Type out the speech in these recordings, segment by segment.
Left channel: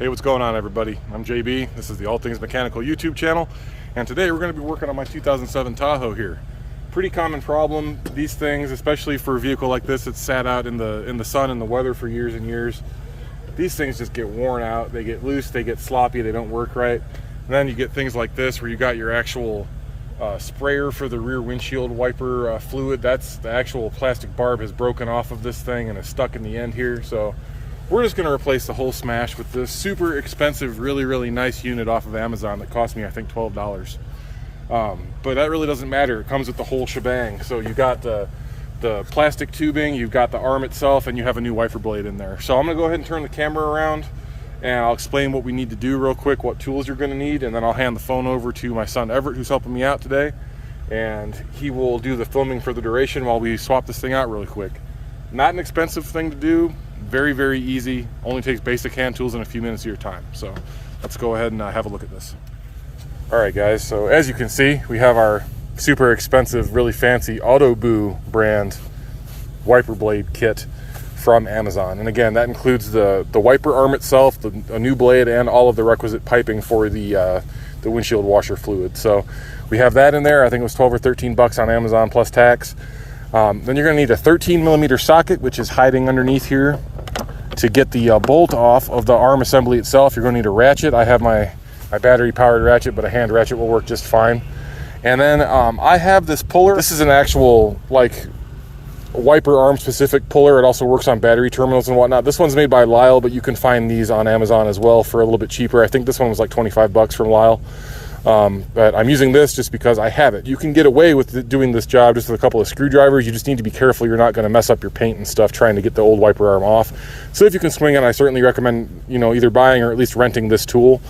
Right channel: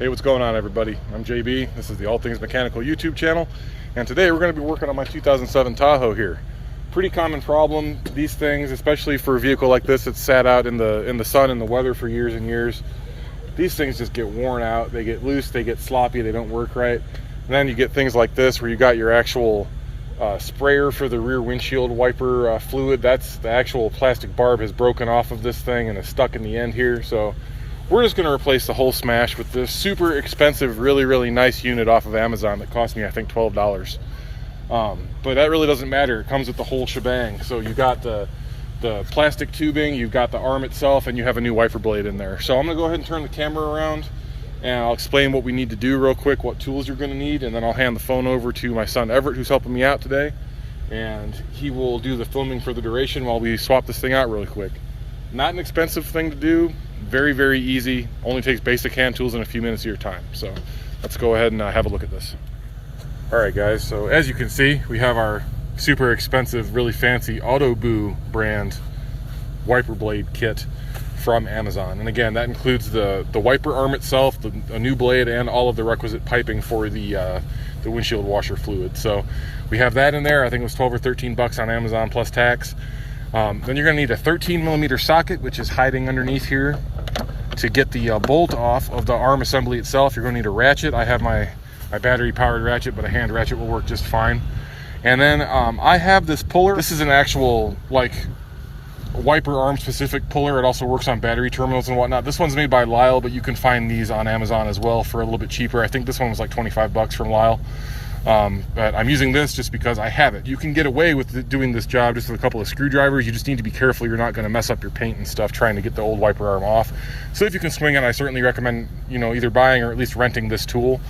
Hey, what's going on, everybody? I'm JB. This is the All Things Mechanical YouTube channel, and today we're going to be working on my 2007 Tahoe here. Pretty common problem. These things, especially for a vehicle like this that's sat out in the sun and the weather for years and years, these things just get worn out. They get loose, they get sloppy, they don't work right. And then you get things like this where you got your actual sprayer for the rear windshield wiper fluid. That's the actual plastic barb has broken off of this thing and is stuck in the end here. So we're just going to replace the whole smash with this super expensive, really nice unit off of Amazon that cost me, I think, $12. But that really doesn't matter. It comes with the whole shebang. So you got the plastic tubing, you've got the arm itself, and you have a new wiper blade in there. So I'm going to go ahead and turn the camera around, and I'll explain what we need to do real quick, what tools you're going to need, and then I'll hand the phone over to my son Everett, who's helping me out today, and he will do the filming for the duration while we swap this thing out really quick. Not an expensive thing to do. Very easy. Only takes basic hand tools and a few minutes of your time. So let's go ahead and have a look at this. All right, guys, so as you can see, we have our super expensive, really fancy Autoboo brand wiper blade kit from Amazon. And again, that includes the wiper arm itself, a new blade, and all of the requisite piping for the windshield washer fluid. So we have that in there. I think it was 12 or 13 bucks on Amazon plus tax. Then you're going to need a 13mm socket, which is hiding underneath here. To get the bolt off of the arm assembly itself, you're going to need a ratchet. I have my battery powered ratchet, but a hand ratchet will work just fine. And then I have this puller. This is an actual like wiper arm specific puller. It also works on battery terminals and whatnot. This one's made by Lyle, but you can find these on Amazon as well for a little bit cheaper. I think this one was like 25 bucks from Lyle. But I'm using this just because I have it. You can get away with doing this job just with a couple of screwdrivers. You just need to be careful you're not going to mess up your paint and stuff trying to get the old wiper arm off. So if you can swing it, I certainly recommend, either buying or at least renting this tool.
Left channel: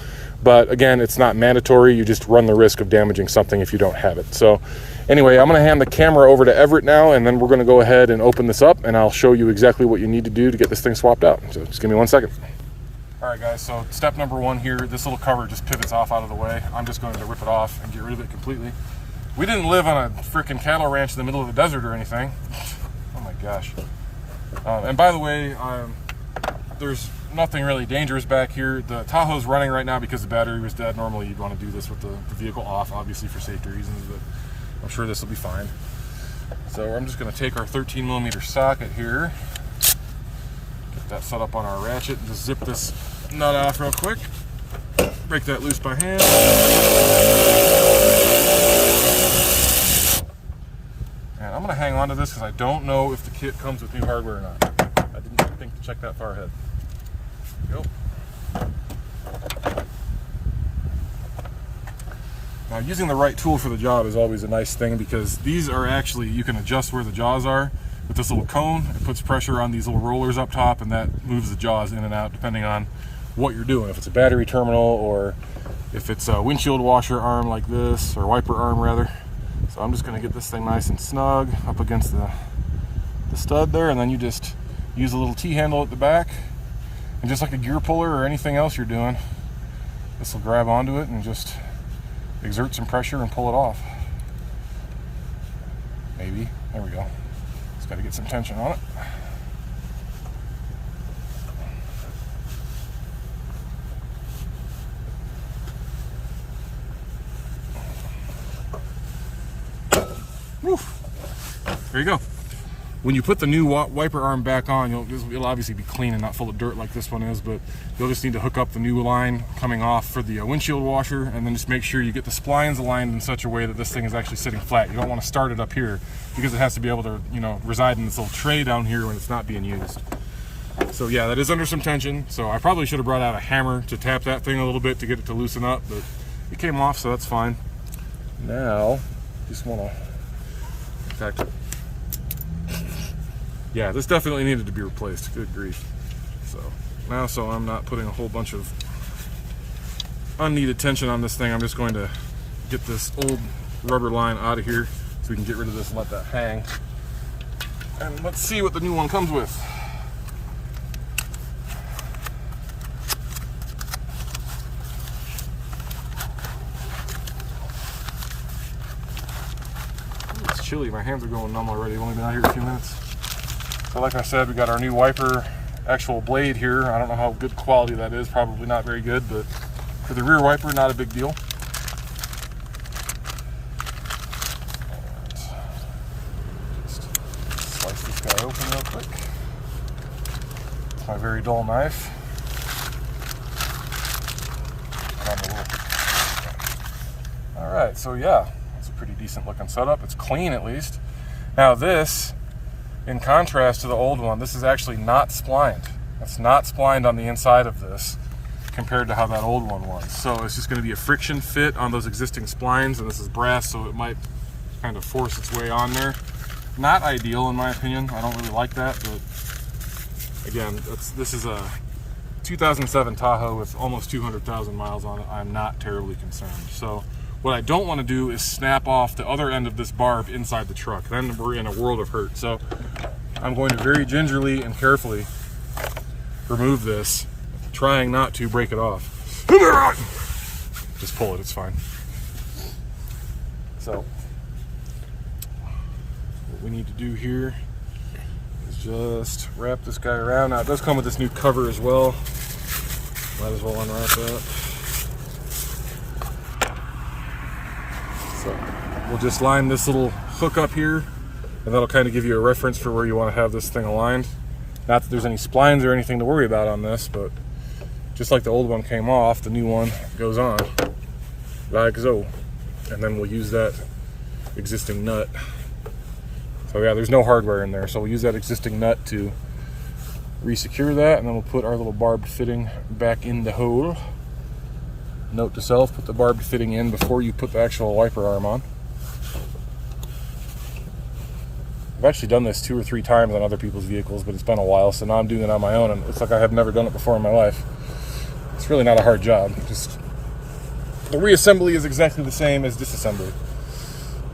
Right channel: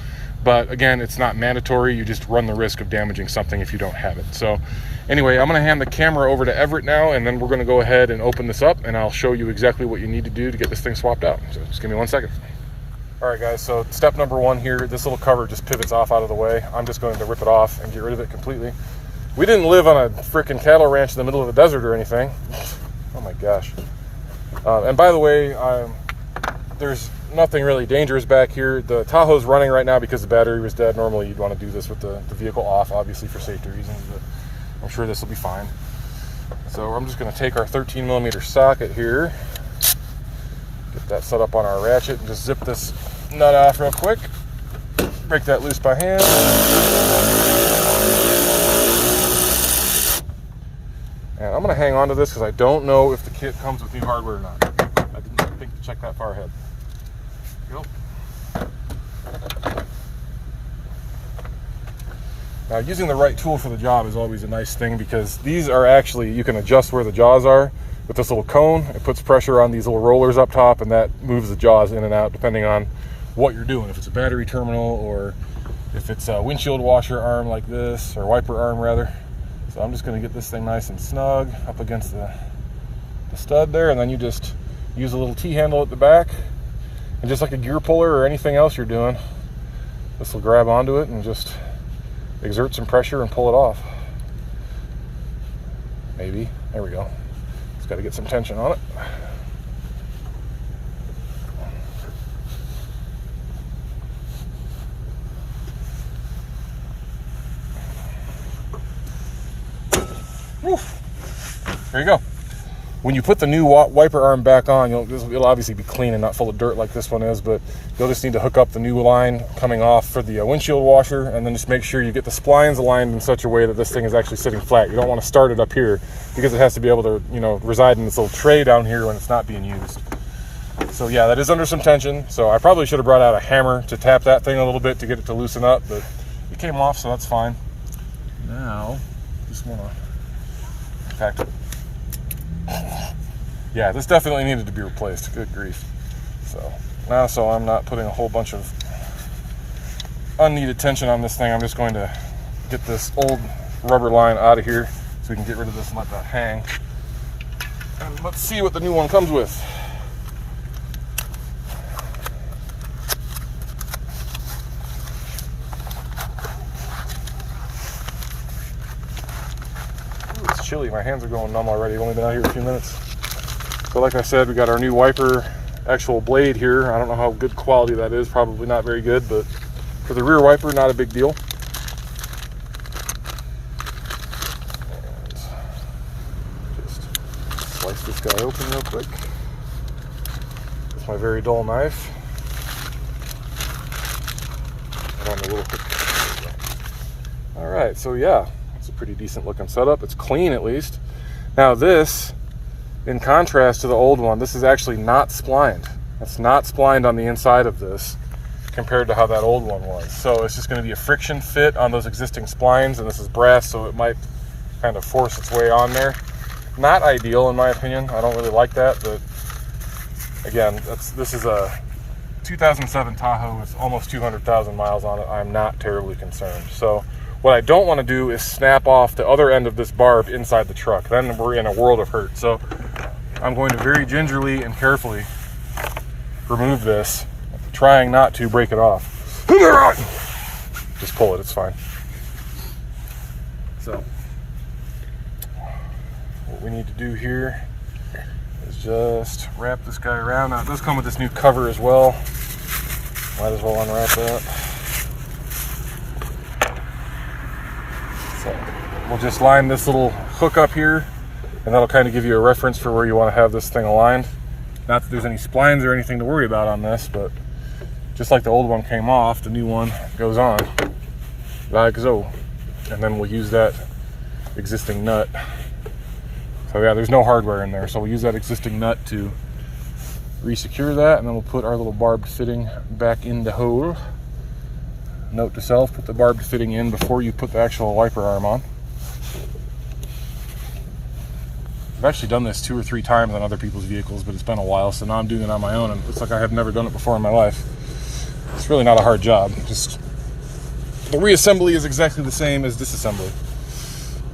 But again, it's not mandatory. You just run the risk of damaging something if you don't have it. So anyway, I'm going to hand the camera over to Everett now, and then we're going to go ahead and open this up, and I'll show you exactly what you need to do to get this thing swapped out. So just give me 1 second. All right, guys, so step number one here, this little cover just pivots off out of the way. I'm just going to rip it off and get rid of it completely. We didn't live on a freaking cattle ranch in the middle of the desert or anything. Oh my gosh. And by the way, there's nothing really dangerous back here. The Tahoe's running right now because the battery was dead. Normally you'd want to do this with the vehicle off, obviously for safety reasons, but I'm sure this will be fine. So I'm just going to take our 13mm socket here, get that set up on our ratchet, and just zip this nut off real quick. Break that loose by hand. And I'm going to hang on to this because I don't know if the kit comes with new hardware or not. I didn't think to check that far ahead. There you go. Now, using the right tool for the job is always a nice thing because these are actually, you can adjust where the jaws are. With this little cone, it puts pressure on these little rollers up top, and that moves the jaws in and out depending on what you're doing. If it's a battery terminal or if it's a windshield washer arm like this, or wiper arm rather. So I'm just going to get this thing nice and snug up against the stud there, and then you just use a little T-handle at the back, and just like a gear puller or anything else you're doing, this will grab onto it and just exert some pressure and pull it off. Maybe. There we go. Just got to get some tension on it. Woo. There you go. When you put the new wiper arm back on, it'll obviously be clean and not full of dirt like this one is, but you'll just need to hook up the new line coming off for the windshield washer, and then just make sure you get the splines aligned in such a way that this thing is actually sitting flat. You don't want to start it up here because it has to be able to, reside in this little tray down here when it's not being used. So yeah, that is under some tension. So I probably should have brought out a hammer to tap that thing a little bit to get it to loosen up, but it came off, so that's fine. Now, just want to, in fact, yeah, this definitely needed to be replaced. Good grief. So I'm not putting a whole bunch of unneeded tension on this thing, I'm just going to get this old rubber line out of here so we can get rid of this and let that hang. And let's see what the new one comes with. It's chilly. My hands are going numb already. I've only been out here a few minutes. So like I said, we got our new wiper actual blade here. I don't know how good quality that is, probably not very good, but for the rear wiper, not a big deal. And just slice this guy open real quick with my very dull knife. All right, so yeah, it's a pretty decent looking setup. It's clean at least. Now this, in contrast to the old one, this is actually not splined. It's not splined on the inside of this compared to how that old one was. So it's just going to be a friction fit on those existing splines, and this is brass, so it might kind of force its way on there. Not ideal in my opinion. I don't really like that, but again, this is a 2007 Tahoe with almost 200,000 miles on it. I'm not terribly concerned. So what I don't want to do is snap off the other end of this barb inside the truck. Then we're in a world of hurt. So I'm going to very gingerly and carefully remove this, trying not to break it off. Just pull it, it's fine. So what we need to do here is just wrap this guy around. Now it does come with this new cover as well. Might as well unwrap that. So we'll just line this little hook up here, and that'll kind of give you a reference for where you want to have this thing aligned. Not that there's any splines or anything to worry about on this, but just like the old one came off, the new one goes on like so. And then we'll use that existing nut. So yeah, there's no hardware in there, so we'll use that existing nut to re-secure that, and then we'll put our little barbed fitting back in the hole. Note to self, put the barbed fitting in before you put the actual wiper arm on. I've actually done this 2 or 3 times on other people's vehicles, but it's been a while, so now I'm doing it on my own, and it looks like I have never done it before in my life. It's really not a hard job. Just the reassembly is exactly the same as disassembly.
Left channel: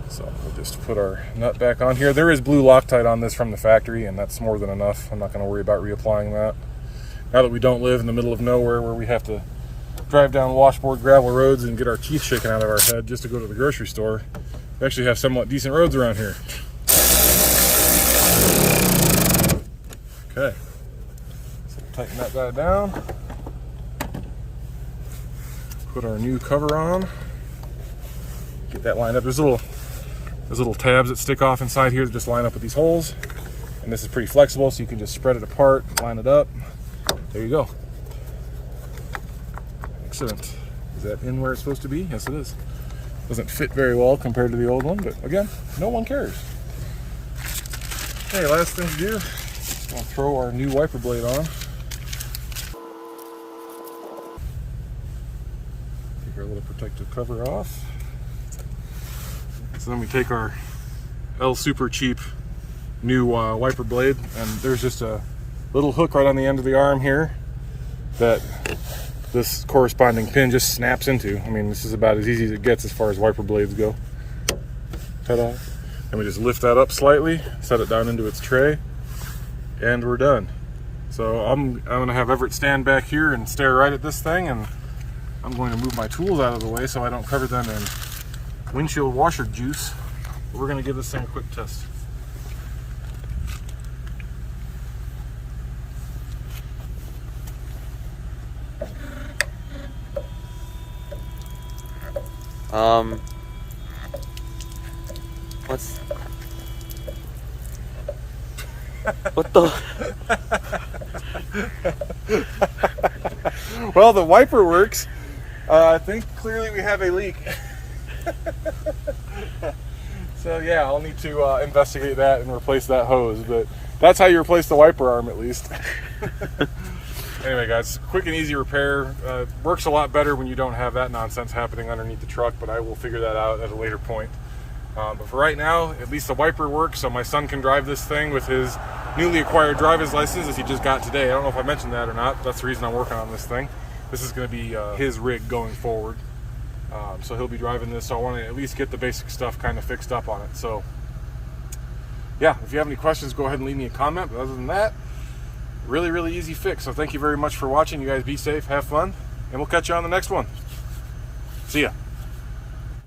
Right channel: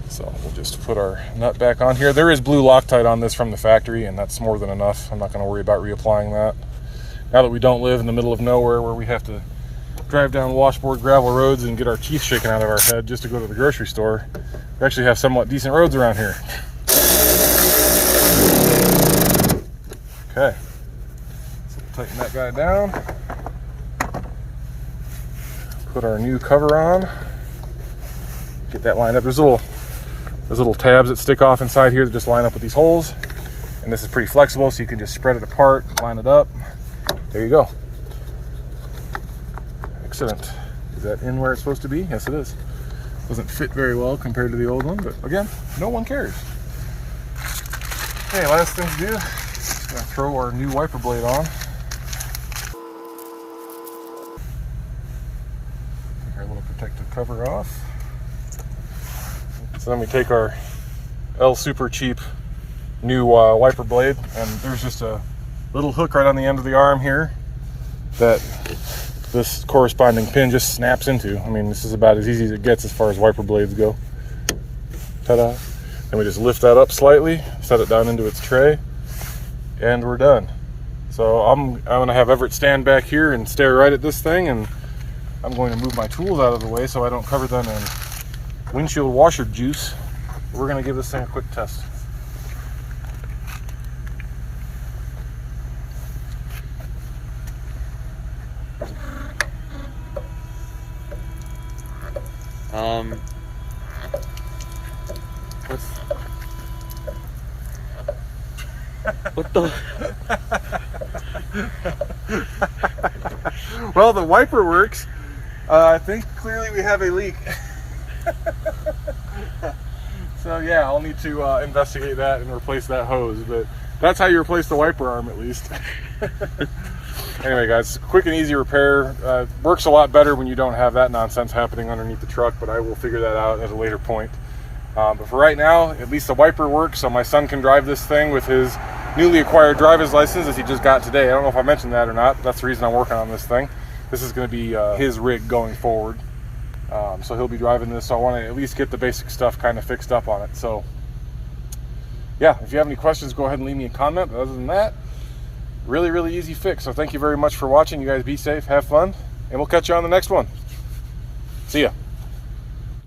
So we'll just put our nut back on here. There is blue Loctite on this from the factory, and that's more than enough. I'm not going to worry about reapplying that. Now that we don't live in the middle of nowhere where we have to drive down washboard gravel roads and get our teeth shaken out of our head just to go to the grocery store, we actually have somewhat decent roads around here. Okay, so we'll tighten that guy down. Put our new cover on. Get that lined up. There's little tabs that stick off inside here that just line up with these holes. And this is pretty flexible, so you can just spread it apart, line it up. There you go. Excellent. Is that in where it's supposed to be? Yes, it is. Doesn't fit very well compared to the old one, but again, no one cares. Okay, last thing to do, gotta throw our new wiper blade on. Take our little protective cover off. So then we take our L super cheap new wiper blade, and there's just a little hook right on the end of the arm here that this corresponding pin just snaps into. I mean, this is about as easy as it gets as far as wiper blades go. Ta-da. And we just lift that up slightly, set it down into its tray, and we're done. So I'm going to have Everett stand back here and stare right at this thing, and I'm going to move my tools out of the way so I don't cover them in windshield washer juice. We're going to give this thing a quick test. What the? Well, the wiper works. I think clearly we have a leak. So yeah, I'll need to investigate that and replace that hose, but that's how you replace the wiper arm at least. Anyway guys, quick and easy repair. Works a lot better when you don't have that nonsense happening underneath the truck, but I will figure that out at a later point. But for right now, at least the wiper works, so my son can drive this thing with his newly acquired driver's license as he just got today. I don't know if I mentioned that or not, but that's the reason I'm working on this thing. This is going to be his rig going forward. So he'll be driving this, so I want to at least get the basic stuff kind of fixed up on it. So yeah, if you have any questions, go ahead and leave me a comment. But other than that, really easy fix. So thank you very much for watching. You guys be safe, have fun, and we'll catch you on the next one. See ya.